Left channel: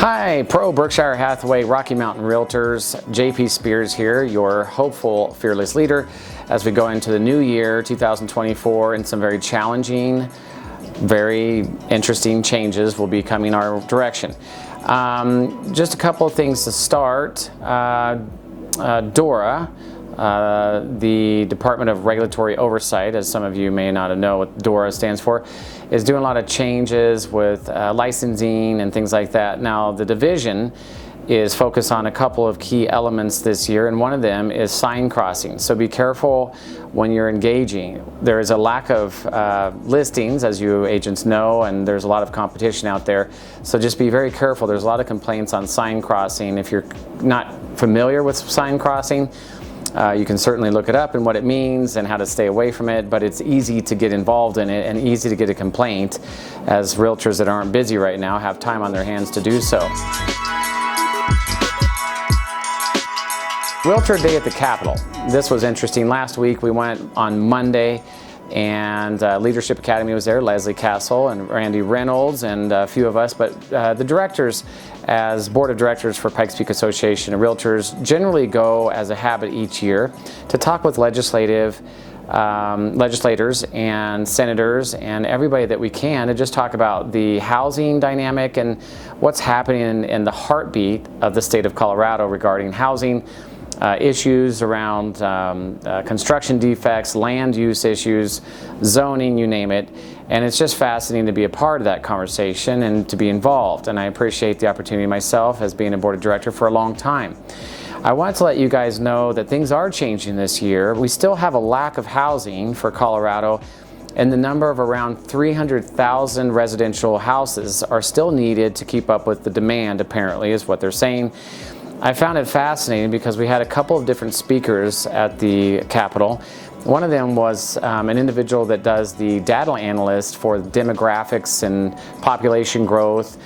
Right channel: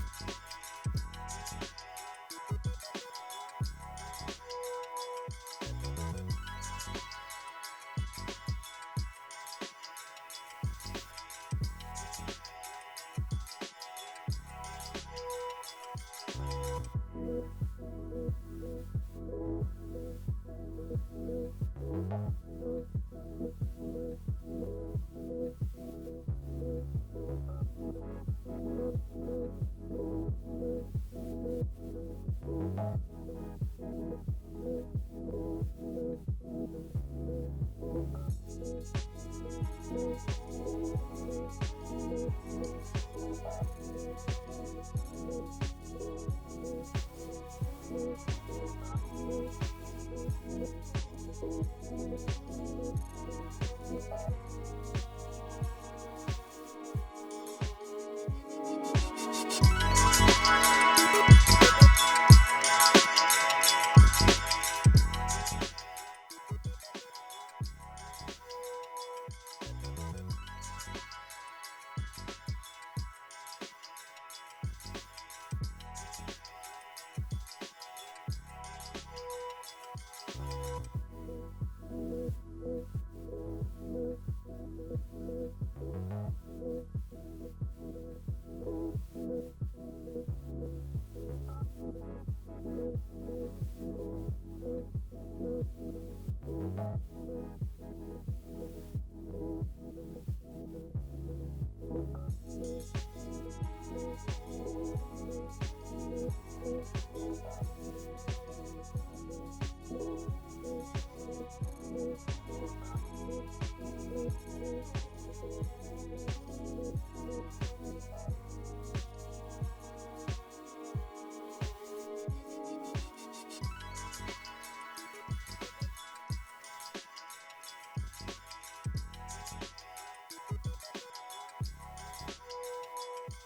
Hi, Pro Berkshire Hathaway Rocky Mountain Realtors. JP Spears here, your hopeful, fearless leader as we go into the new year, 2024, and some very challenging, very interesting changes will be coming our direction. Just a couple of things to start. DORA, the Department of Regulatory Oversight, as some of you may not know what DORA stands for, is doing a lot of changes with licensing and things like that. Now, the division is focused on a couple of key elements this year, and one of them is sign crossing. So be careful when you're engaging. There is a lack of listings, as you agents know, and there's a lot of competition out there. So just be very careful. There's a lot of complaints on sign crossing. If you're not familiar with sign crossing, you can certainly look it up and what it means and how to stay away from it, but it's easy to get involved in it and easy to get a complaint, as realtors that aren't busy right now have time on their hands to do so. Realtor Day at the Capitol. This was interesting. Last week we went on Monday, and Leadership Academy was there, Leslie Castle and Randy Reynolds and a few of us, but the directors, as board of directors for Pikes Peak Association of Realtors, generally go as a habit each year to talk with legislators and senators and everybody that we can to just talk about the housing dynamic and what's happening in the heartbeat of the state of Colorado regarding housing. Issues around construction defects, land use issues, zoning, you name it. And it's just fascinating to be a part of that conversation and to be involved. And I appreciate the opportunity myself as being a board of director for a long time. I want to let you guys know that things are changing this year. We still have a lack of housing for Colorado, and the number of around 300,000 residential houses are still needed to keep up with the demand, apparently, is what they're saying. I found it fascinating because we had a couple of different speakers at the Capitol. One of them was an individual that does the data analyst for demographics and population growth,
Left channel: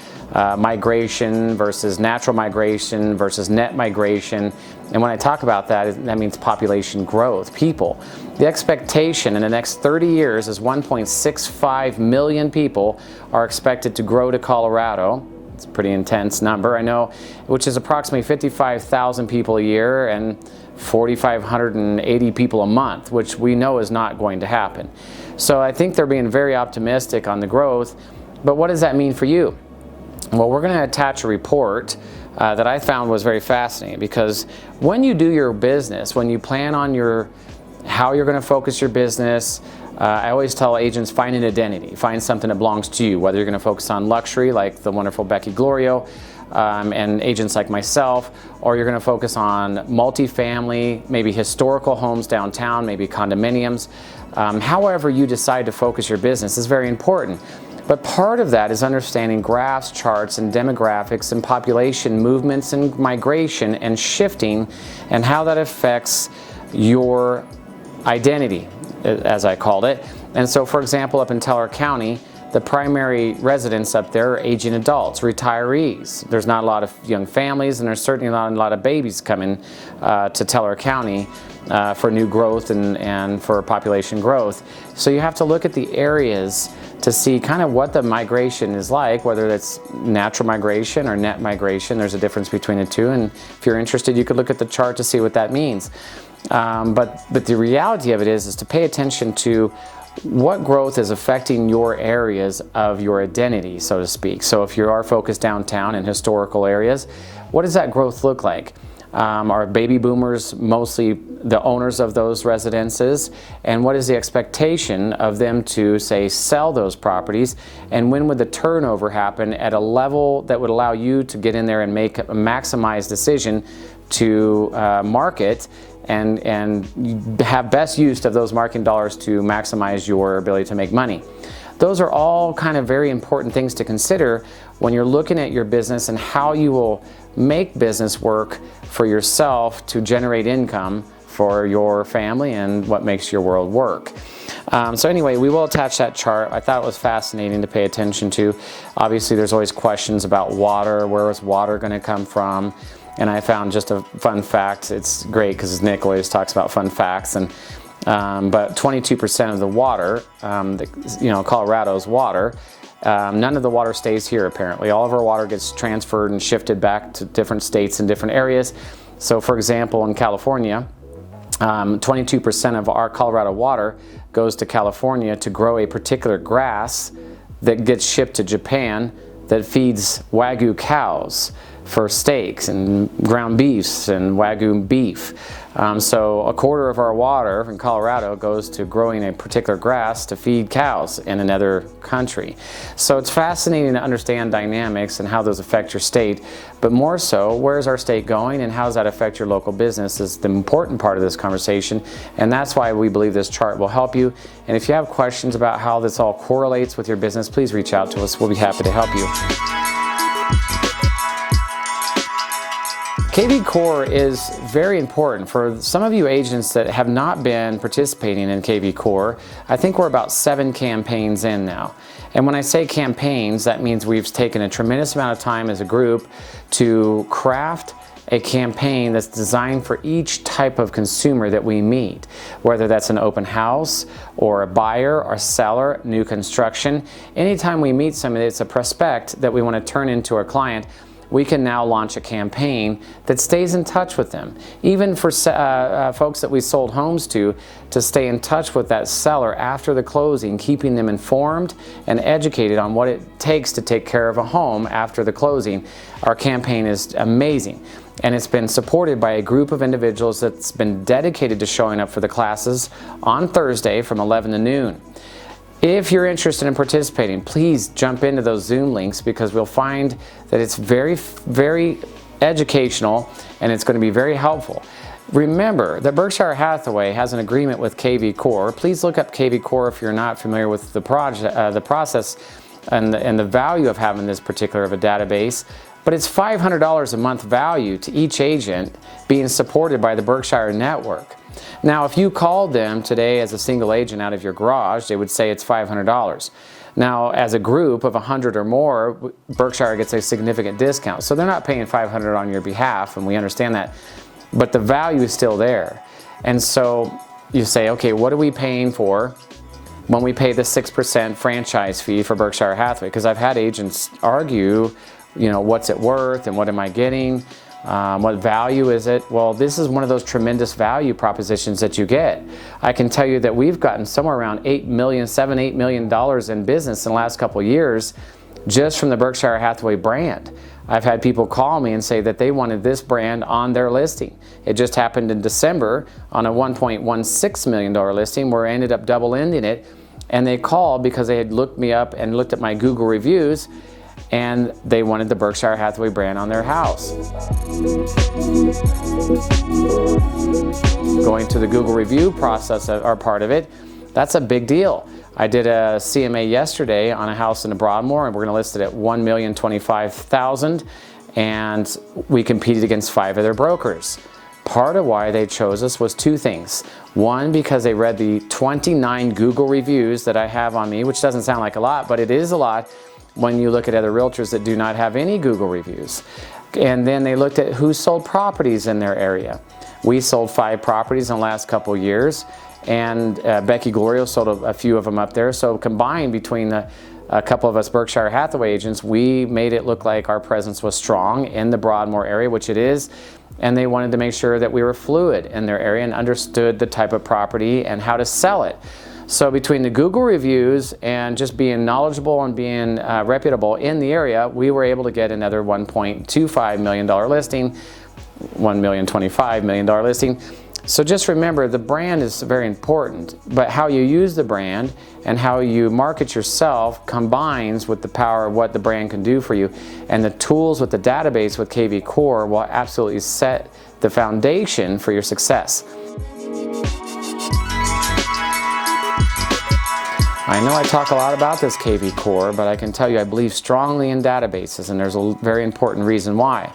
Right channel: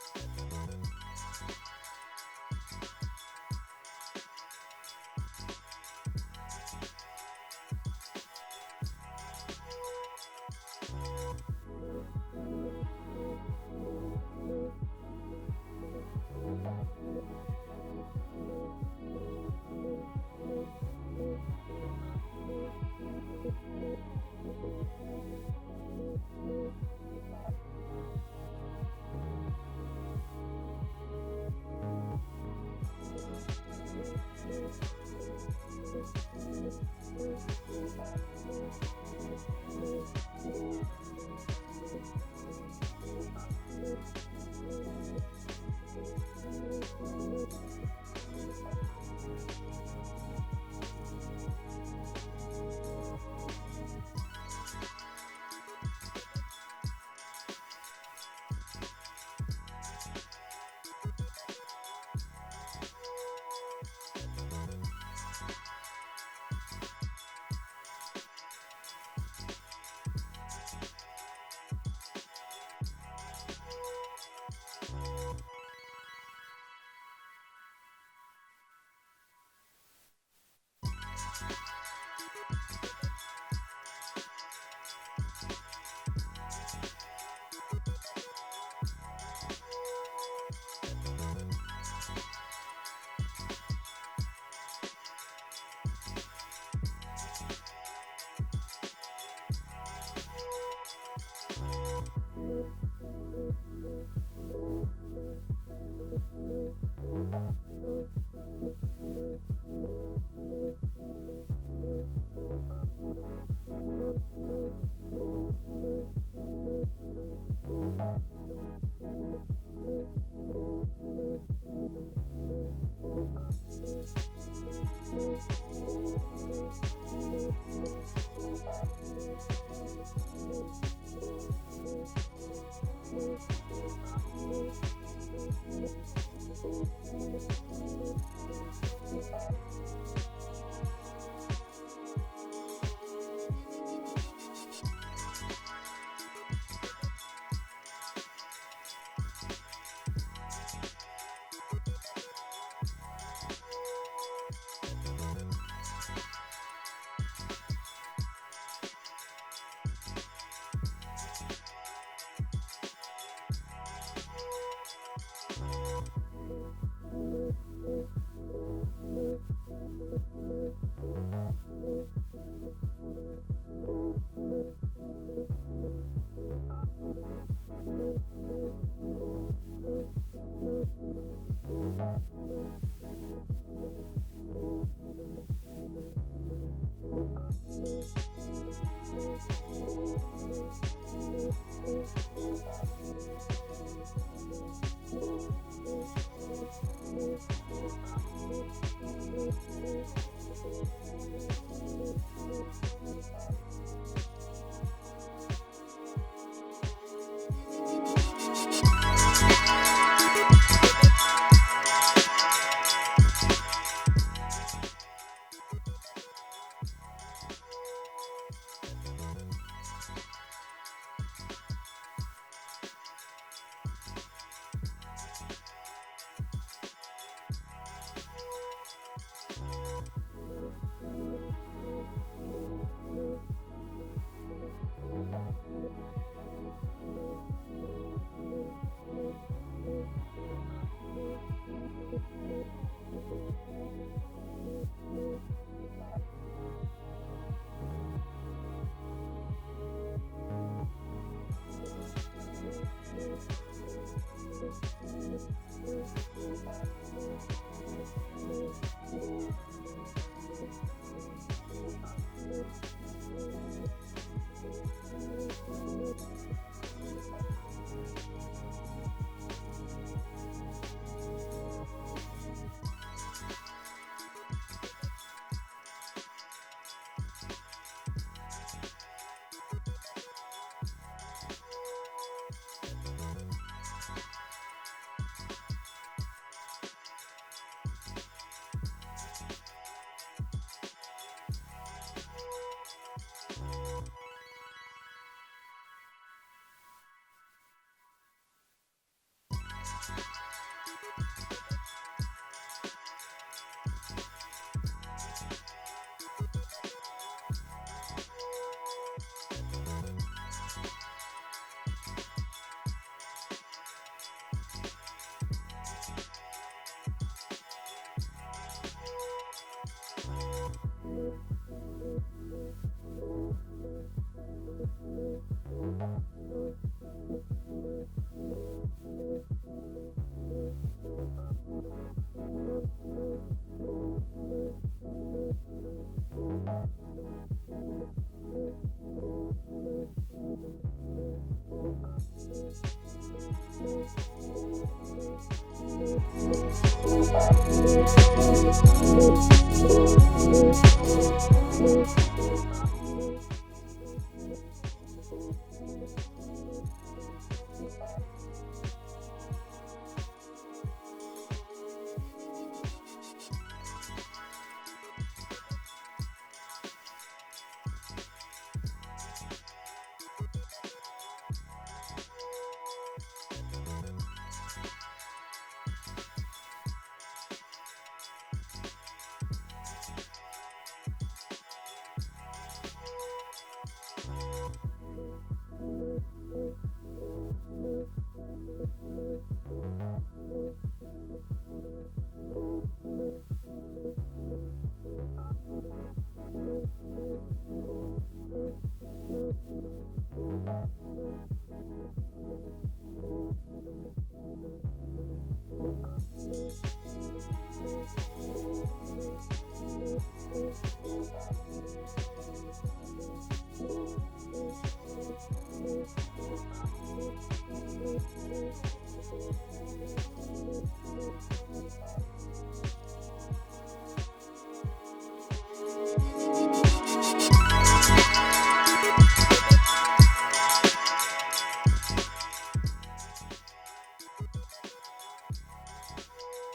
migration versus natural migration versus net migration. And when I talk about that, that means population growth, people. The expectation in the next 30 years is 1.65 million people are expected to grow to Colorado. It's a pretty intense number, I know, which is approximately 55,000 people a year and 4,580 people a month, which we know is not going to happen. So I think they're being very optimistic on the growth, but what does that mean for you? Well, we're going to attach a report that I found was very fascinating, because when you do your business, when you plan on how you're going to focus your business, I always tell agents, find an identity, find something that belongs to you, whether you're going to focus on luxury like the wonderful Becky Glorio and agents like myself, or you're going to focus on multifamily, maybe historical homes downtown, maybe condominiums. However you decide to focus your business is very important. But part of that is understanding graphs, charts, and demographics and population movements and migration and shifting and how that affects your identity, as I called it. And so, for example, up in Teller County, the primary residents up there are aging adults, retirees. There's not a lot of young families, and there's certainly not a lot of babies coming to Teller County for new growth and for population growth. So you have to look at the areas to see kind of what the migration is like, whether it's natural migration or net migration. There's a difference between the two, and if you're interested, you could look at the chart to see what that means. But the reality of it is to pay attention to what growth is affecting your areas of your identity, so to speak. So if you are focused downtown in historical areas, what does that growth look like? Are baby boomers mostly the owners of those residences? And what is the expectation of them to, say, sell those properties? And when would the turnover happen at a level that would allow you to get in there and make a maximized decision to market and have best use of those marketing dollars to maximize your ability to make money? Those are all kind of very important things to consider when you're looking at your business and how you will make business work for yourself to generate income for your family and what makes your world work. So anyway, we will attach that chart. I thought it was fascinating to pay attention to. Obviously, there's always questions about water. Where is water going to come from? And I found just a fun fact. It's great because Nick always talks about fun facts. But 22% of the water, Colorado's water, None of the water stays here apparently. All of our water gets transferred and shifted back to different states and different areas. So for example, in California, 22% of our Colorado water goes to California to grow a particular grass that gets shipped to Japan that feeds Wagyu cows for steaks and ground beefs and Wagyu beef. So a quarter of our water in Colorado goes to growing a particular grass to feed cows in another country. So it's fascinating to understand dynamics and how those affect your state, but more so, where's our state going and how does that affect your local business is the important part of this conversation, and that's why we believe this chart will help you. And if you have questions about how this all correlates with your business, please reach out to us. We'll be happy to help you. kvCORE is very important for some of you agents that have not been participating in kvCORE. I think we're about 7 campaigns in now. And when I say campaigns, that means we've taken a tremendous amount of time as a group to craft a campaign that's designed for each type of consumer that we meet, whether that's an open house or a buyer or seller, new construction. Anytime we meet somebody that's a prospect that we want to turn into a client, we can now launch a campaign that stays in touch with them. Even for folks that we sold homes to stay in touch with that seller after the closing, keeping them informed and educated on what it takes to take care of a home after the closing. Our campaign is amazing, and it's been supported by a group of individuals that's been dedicated to showing up for the classes on Thursday from 11 to noon. If you're interested in participating, please jump into those Zoom links because we'll find that it's very, very educational and it's going to be very helpful. Remember that Berkshire Hathaway has an agreement with kvCORE. Please look up kvCORE if you're not familiar with the process and the value of having this particular of a database. But it's $500 a month value to each agent being supported by the Berkshire Network. Now, if you called them today as a single agent out of your garage, they would say it's $500. Now, as a group of 100 or more, Berkshire gets a significant discount. So they're not paying $500 on your behalf, and we understand that. But the value is still there. And so you say, okay, what are we paying for when we pay the 6% franchise fee for Berkshire Hathaway? Because I've had agents argue, you know, what's it worth and what am I getting? What value is it? Well, this is one of those tremendous value propositions that you get. I can tell you that we've gotten somewhere around $8 million in business in the last couple of years just from the Berkshire Hathaway brand. I've had people call me and say that they wanted this brand on their listing. It just happened in December on a $1.16 million listing where I ended up double-ending it, and they called because they had looked me up and looked at my Google reviews, and they wanted the Berkshire Hathaway brand on their house. Going to the Google review process are part of it. That's a big deal. I did a CMA yesterday on a house in the Broadmoor, and we're going to list it at $1,025,000, and we competed against 5 other brokers. Part of why they chose us was 2 things. One, because they read the 29 Google reviews that I have on me, which doesn't sound like a lot, but it is a lot when you look at other realtors that do not have any Google reviews. And then they looked at who sold properties in their area. We sold 5 properties in the last couple of years, and Becky Glorio sold a few of them up there. So combined between a couple of us Berkshire Hathaway agents, we made it look like our presence was strong in the Broadmoor area, which it is, and they wanted to make sure that we were fluid in their area and understood the type of property and how to sell it. So between the Google reviews and just being knowledgeable and being reputable in the area, we were able to get another $1.25 million listing, $1,025 million listing. So just remember, the brand is very important, but how you use the brand and how you market yourself combines with the power of what the brand can do for you. And the tools with the database with kvCORE will absolutely set the foundation for your success. I know I talk a lot about this kvCORE, but I can tell you I believe strongly in databases, and there's a very important reason why.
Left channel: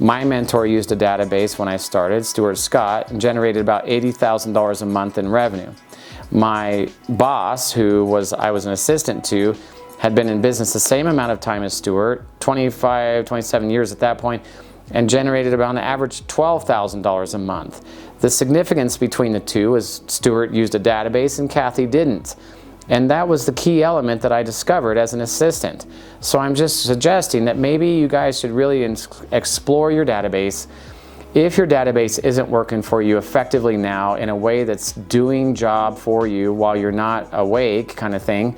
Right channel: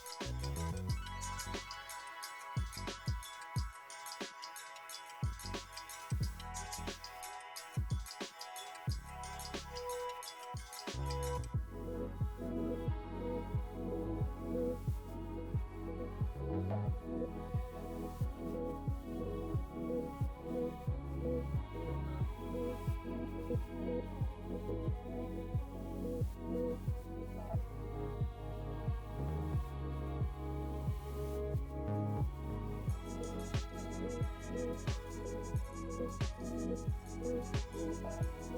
My mentor used a database when I started, Stuart Scott, and generated about $80,000 a month in revenue. My boss, who I was an assistant to, had been in business the same amount of time as Stuart, 25, 27 years at that point, and generated about an average $12,000 a month. The significance between the two is Stuart used a database and Kathy didn't. And that was the key element that I discovered as an assistant. So I'm just suggesting that maybe you guys should really explore your database. If your database isn't working for you effectively now in a way that's doing job for you while you're not awake kind of thing,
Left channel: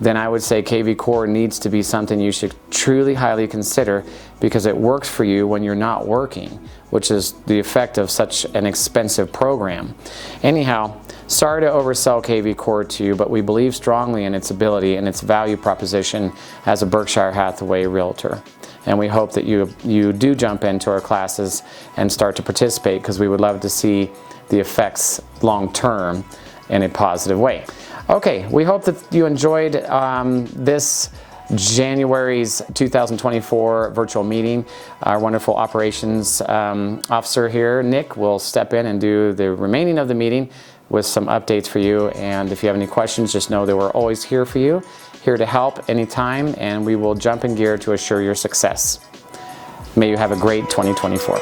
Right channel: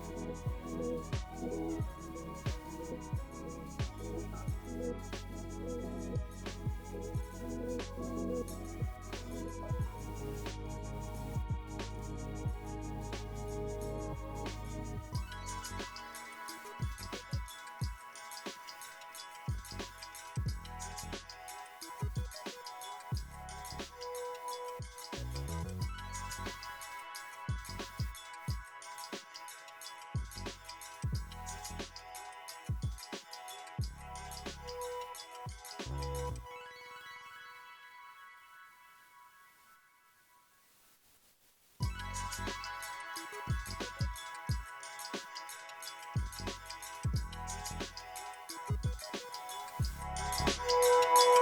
then I would say kvCORE needs to be something you should truly highly consider, because it works for you when you're not working, which is the effect of such an expensive program. Anyhow, sorry to oversell kvCORE to you, but we believe strongly in its ability and its value proposition as a Berkshire Hathaway realtor. And we hope that you do jump into our classes and start to participate, because we would love to see the effects long term in a positive way. Okay, we hope that you enjoyed this January's 2024 virtual meeting. Our wonderful operations officer here, Nick, will step in and do the remaining of the meeting with some updates for you. And if you have any questions, just know that we're always here for you, here to help anytime, and we will jump in gear to assure your success. May you have a great 2024.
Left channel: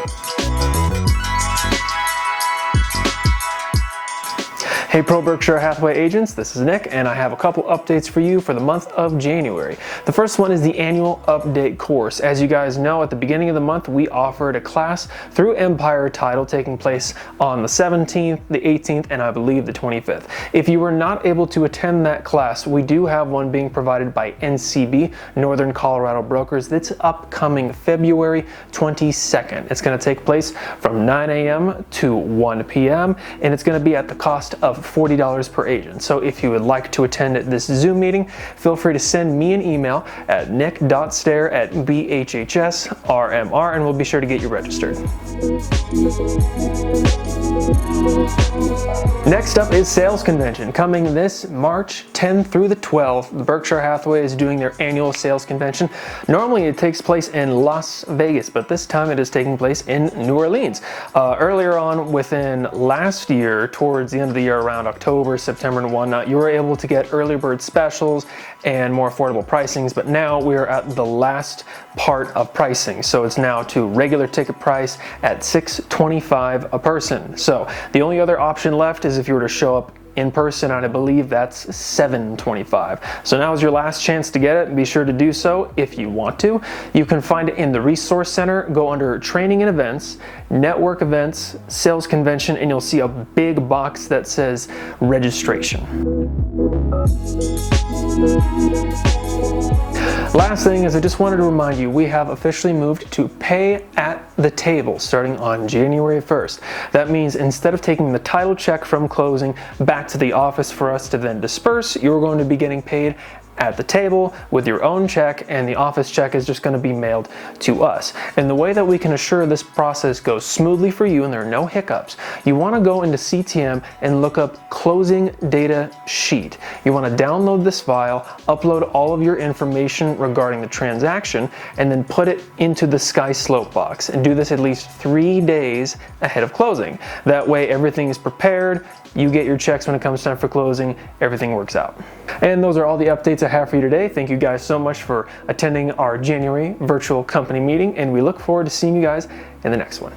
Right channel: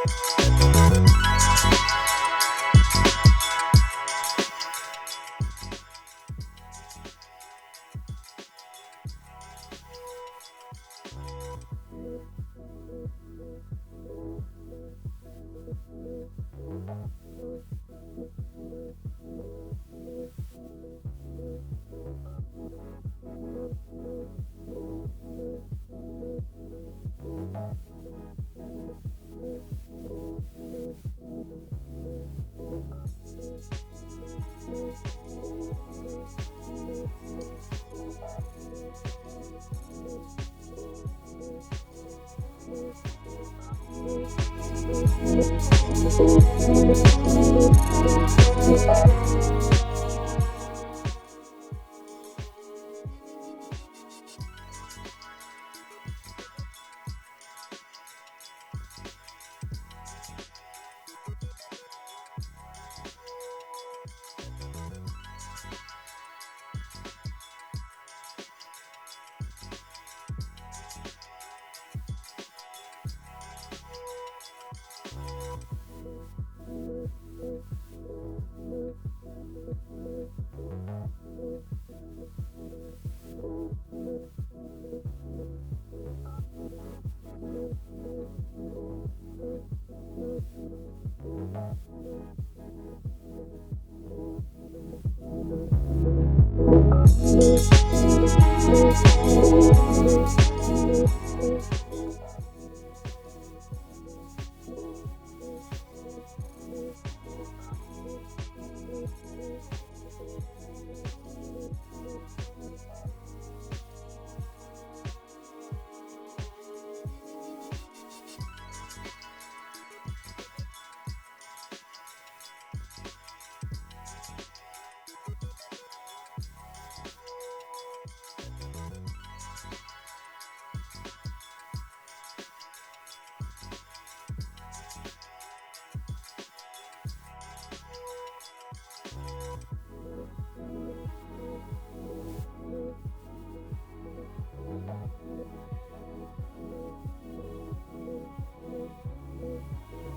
Hey Pro Berkshire Hathaway agents, this is Nick, and I have a couple updates for you for the month of January. The first one is the annual update course. As you guys know, at the beginning of the month, we offered a class through Empire Title taking place on the 17th, the 18th, and I believe the 25th. If you were not able to attend that class, we do have one being provided by NCB, Northern Colorado Brokers, that's upcoming February 22nd. It's going to take place from 9 a.m. to 1 p.m., and it's going to be at the cost of $40 per agent. So if you would like to attend this Zoom meeting, feel free to send me an email at nick.stair@bhhsrmr, and we'll be sure to get you registered. Next up is Sales Convention. Coming this March 10th through the 12th, the Berkshire Hathaway is doing their annual sales convention. Normally it takes place in Las Vegas, but this time it is taking place in New Orleans. Earlier on within last year, towards the end of the year, around October, September, and whatnot, you were able to get early bird specials and more affordable pricings, but now we're at the last part of pricing. So it's now to regular ticket price at $625 a person. So the only other option left is if you were to show up in person, and I believe that's $725. So now is your last chance to get it. Be sure to do so if you want to. You can find it in the Resource Center. Go under Training and Events, Network Events, Sales Convention, and you'll see a big box that says Registration. Last thing is I just wanted to remind you, we have officially moved to pay at the table starting on January 1st. That means instead of taking the title check from closing back to the office for us to then disperse, you're going to be getting paid at the table with your own check, and the office check is just going to be mailed to us. And the way that we can assure this process goes smoothly for you and there are no hiccups, you want to go into CTM and look up Closing Data Sheet. You want to download this file, upload all of your information regarding the transaction, and then put it into the SkySlope box, and do this at least 3 days ahead of closing. That way everything is prepared, you get your checks when it comes time for closing, everything works out. And those are all the updates I have for you today. Thank you guys so much for attending our January virtual company meeting, and we look forward to seeing you guys in the next one.